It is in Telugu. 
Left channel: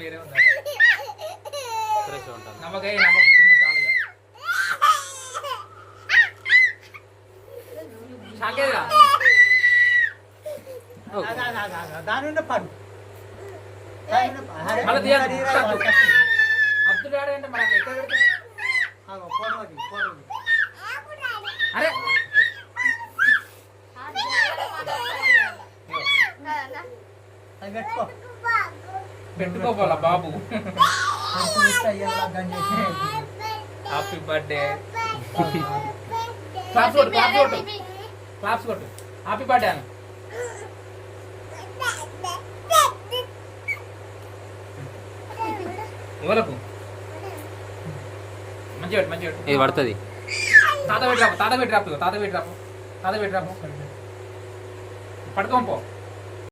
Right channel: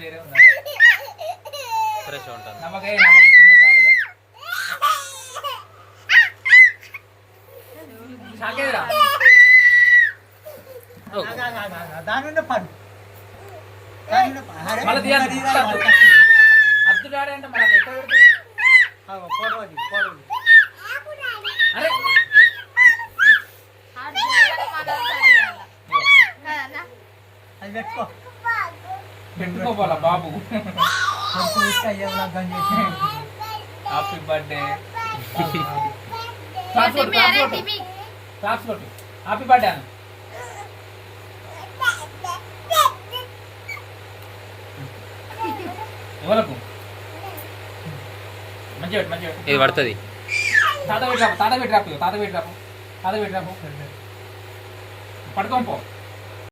వేరే ఉందా ఫ్రెష్ ఉంటుంది. నమ్మకాయ చాలుగా దాని పడు మళ్ళీ అబ్దుల్ అంటే మనకి ఎక్కడ పెడితే అరే అది పెట్టుకో పెట్టుకోవాలా బాబు. హ్యాపీ బర్త్డే క్లాప్స్ కొట్టు హ్యాపీ బర్త్డే అని ఎవరకు మంచిగా ఇది పడుతుంది. తాత పెట్టరాపు పడుకోపో.